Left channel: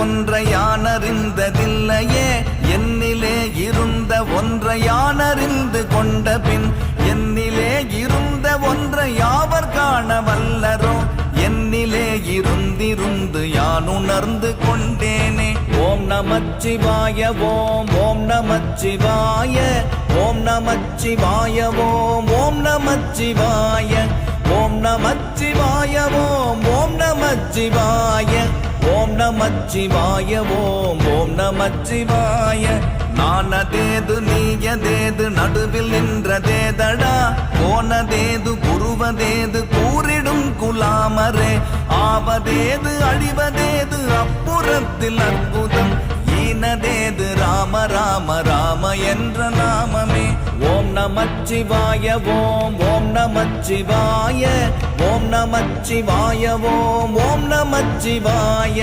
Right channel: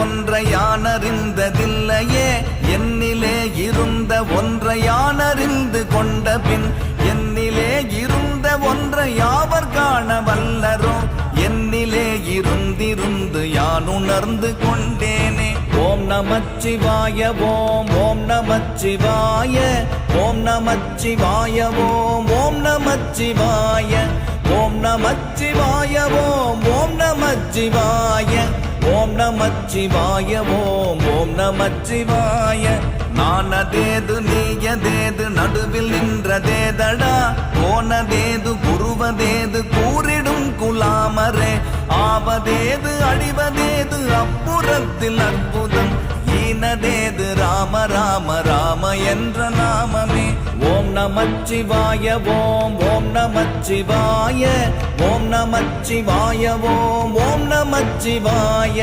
ஒன்றை யானறிந்ததில்லையே என்னிலே இருந்த ஒன்றை யானறிந்து கொண்ட பின் என்னிலே இருந்த ஒன்றை யாவர் காண வல்லரோ என்னிலே இருந்திருந்து யான் உணர்ந்து கொண்டேனே. ஓம் நமச்சிவாய ஓம் ஓம் நமச்சிவாய ஓம் நமச்சிவாய ஓம் ஓம் நமச்சிவாய ஓம் நமச்சிவாய ஓம் ஓம் நமச்சிவாய ஓம் நமச்சிவாய ஓம் ஓம் நமச்சிவாய. நானதேது நீயதேது நடுவில் நின்றதேதடா போனதேது புருவதேது கூறிடும் குலாமரே ஆவதேது அடிவதேது அப்புறத்தில் அற்புதம் ஈனதேது ராம ராம ராம என்ற நாமமே. ஓம் நமச்சிவாய ஓம் ஓம் நமச்சிவாய ஓம் நமச்சிவாய ஓம் ஓம் நமச்சிவாய